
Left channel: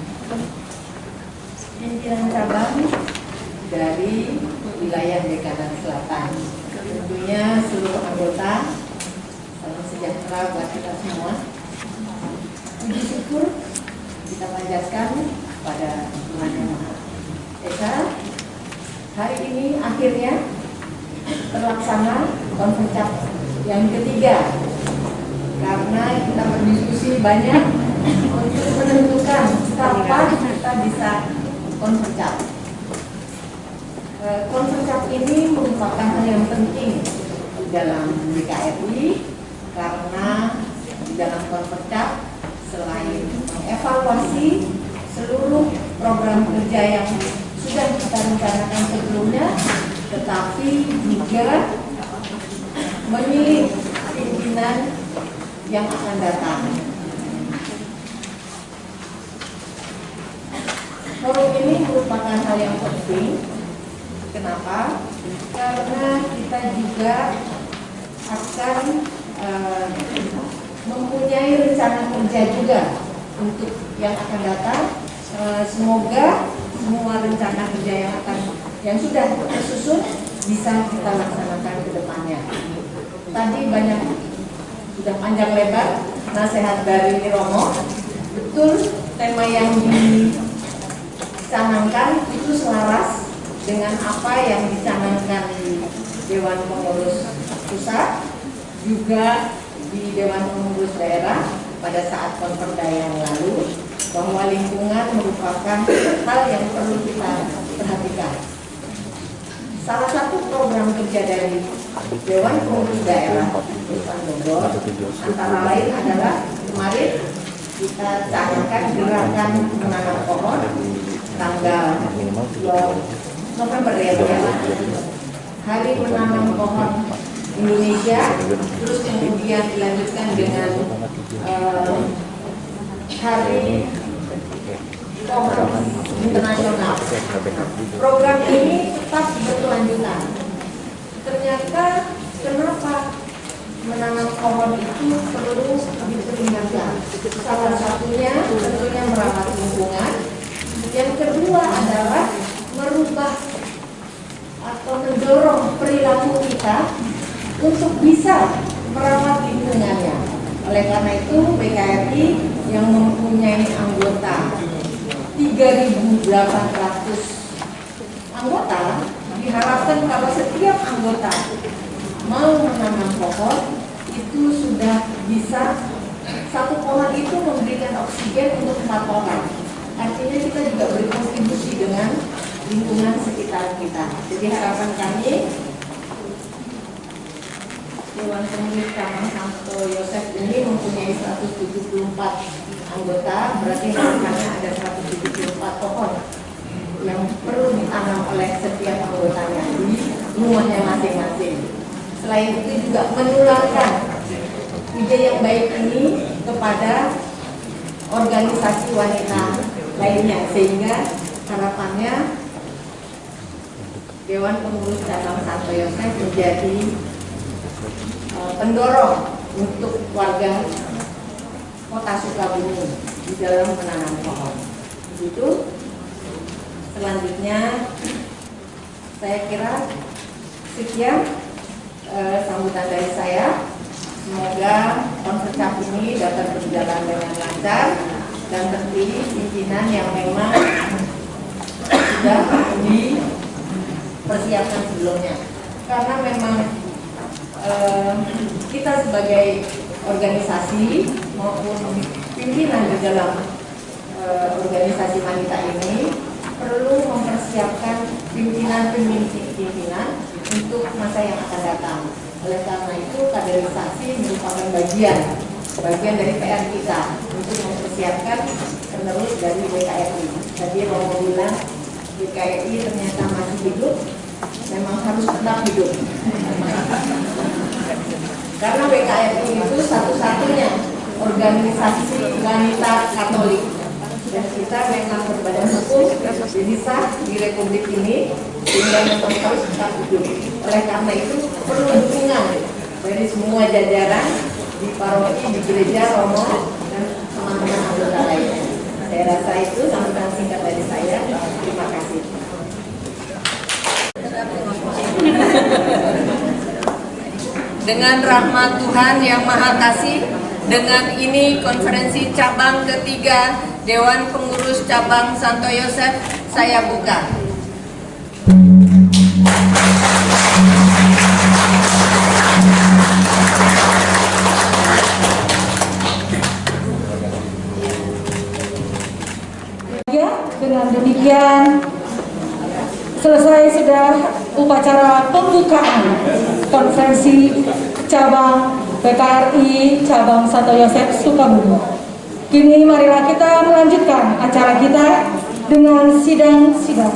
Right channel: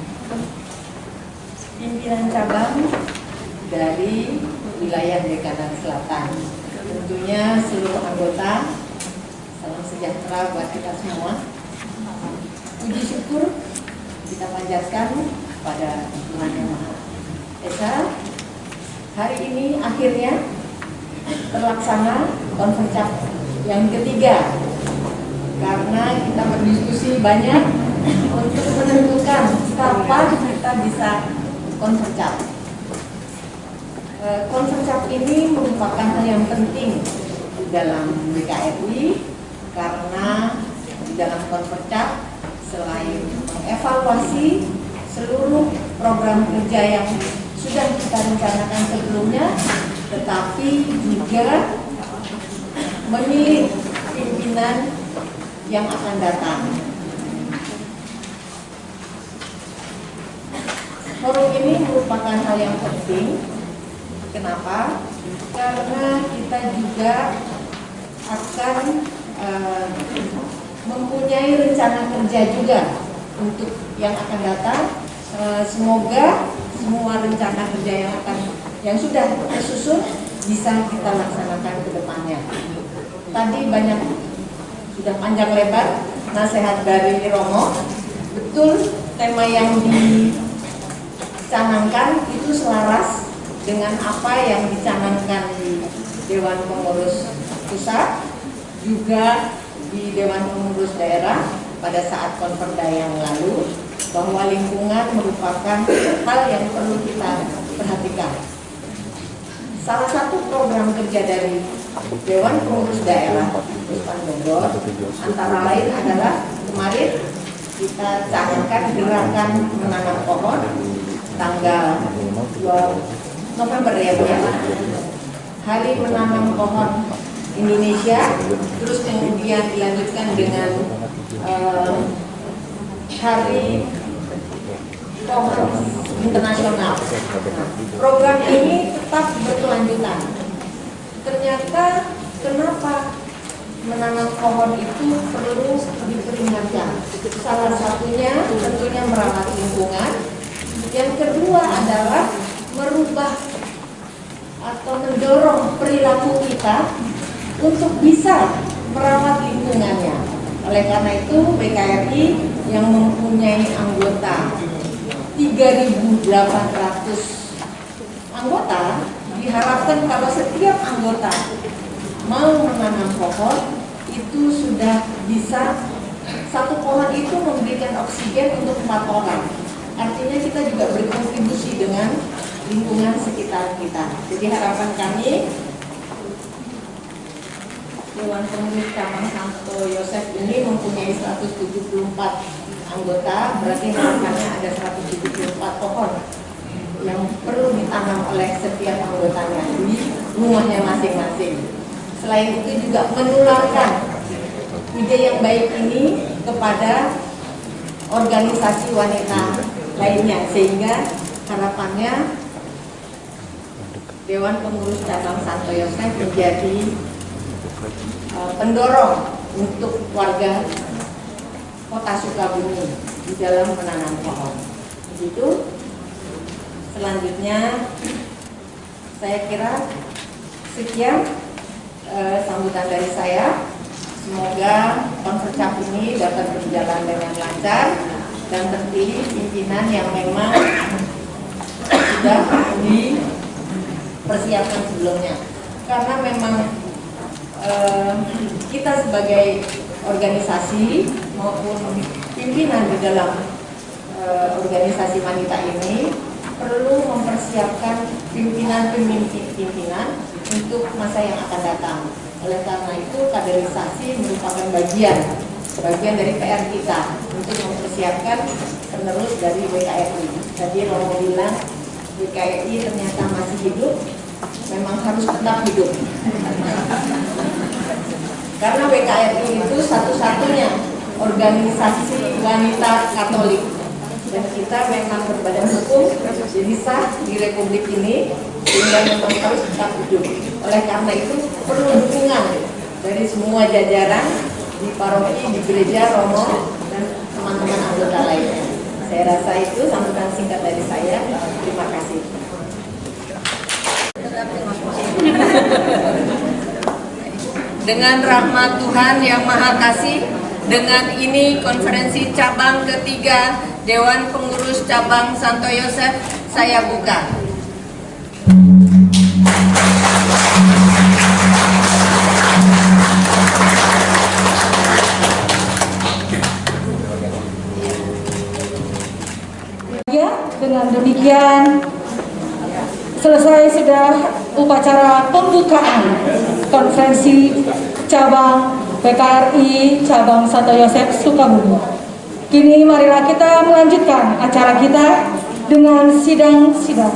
pimpinan cabang dari wilayah Dekanan Selatan. Tentunya seluruh anggota, salam sejahtera buat kita semua. Puji syukur kita panjatkan pada Tuhan Yang Maha Esa. Hari ini akhirnya terlaksana konferensi yang ketiga, karena kita berdiskusi banyak untuk menentukan kapan kita bisa konferensi. Konferensi ini merupakan hal yang penting di dalam WKRI, karena di dalam konferensi selain mengevaluasi seluruh program kerja yang sudah kita rencanakan sebelumnya, tetapi juga memilih pimpinan yang akan datang. Forum ini merupakan hal yang penting. Kenapa? Karena kita juga akan mempunyai rencana kerja juga untuk yang akan datang. Semoga semua rencana kerja yang sudah tersusun bisa kita laksanakan ke depannya. Tadi banyak, sudah panjang lebar nasihat dari Romo. Betul, tema yang dicanangkan itu selaras dengan apa yang dicanangkan di Dewan Pengurus Pusat, juga di Dewan Pengurus Daerah pada saat konperda yang lalu, bahwa lingkungan merupakan hal yang perlu kita perhatikan. Salah satu program kerja dari Dewan Pengurus Daerah Kabupaten Bogor antara lain adalah kemarin kita canangkan gerakan menanam pohon tanggal 2 November ya, Hari Menanam Pohon Indonesia, terus kemudian dilanjutkan dengan Hari Pohon Internasional. Program ini tetap berkelanjutan. Ternyata kenapa menanam pohon itu perlu diperingatkan? Salah satunya tentunya merawat lingkungan. Yang kedua adalah merubah atau mendorong perilaku kita untuk bisa merawat lingkungannya. Oleh karena itu BKRI yang mempunyai anggota 3.800 anggota, diharapkan kalau setiap anggota mau menanam pohon itu sudah bisa, satu pohon itu memberikan oksigen untuk 4 orang. Artinya kita juga berkontribusi dengan lingkungan sekitar kita. Jadi harapan kami Dewan Pengurus Cabang Santo Yosef ini mempunyai 174 anggota, berarti harapannya ada 174 pohon yang perlu ditanam oleh setiap anggotanya di rumahnya masing-masing. Selain itu juga menularkan ide yang baik ini kepada organisasi wanita lainnya, sehingga harapannya Dewan Pengurus Cabang Santo Yosef menjadi pendorong untuk warga Kota Sukabumi di dalam menanam pohon. Begitu. Selanjutnya saya kira sekian sambutan dari saya. Semoga konferensi ini dapat berjalan dengan lancar dan terpilih pimpinan yang memang sudah dipersiapkan sebelumnya. Karena memang kita sebagai organisasi maupun pimpinan di dalam organisasi wanita ini perlu mempersiapkan pimpinan untuk masa yang akan datang. Oleh karena itu kaderisasi merupakan bagian dari PR kita untuk mempersiapkan penerus dari BKRI. Tadi Romo bilang BKRI ternyata masih hidup, memang harus tetap hidup. Karena BKRI itu satu-satunya organisasi wanita Katolik, dan kita memang berbadan hukum jadi sah di Republik ini, sehingga memang harus tetap hidup. Oleh karena itu perlu dukungan dari semua jajaran di paroki, di gereja, Romo, dan teman-teman anggota lainnya. Saya rasa itu sambutan singkat dari saya. Terima kasih. Dengan rahmat Tuhan yang Maha Kasih, dengan ini konferensi cabang ketiga Dewan Pengurus Cabang Santo Yosef saya buka. Ya, dengan demikian selesai sudah upacara pembukaan konferensi cabang BKRI Cabang Santo Yosef Sukabumi. Kini marilah kita melanjutkan acara kita dengan sidang-sidang.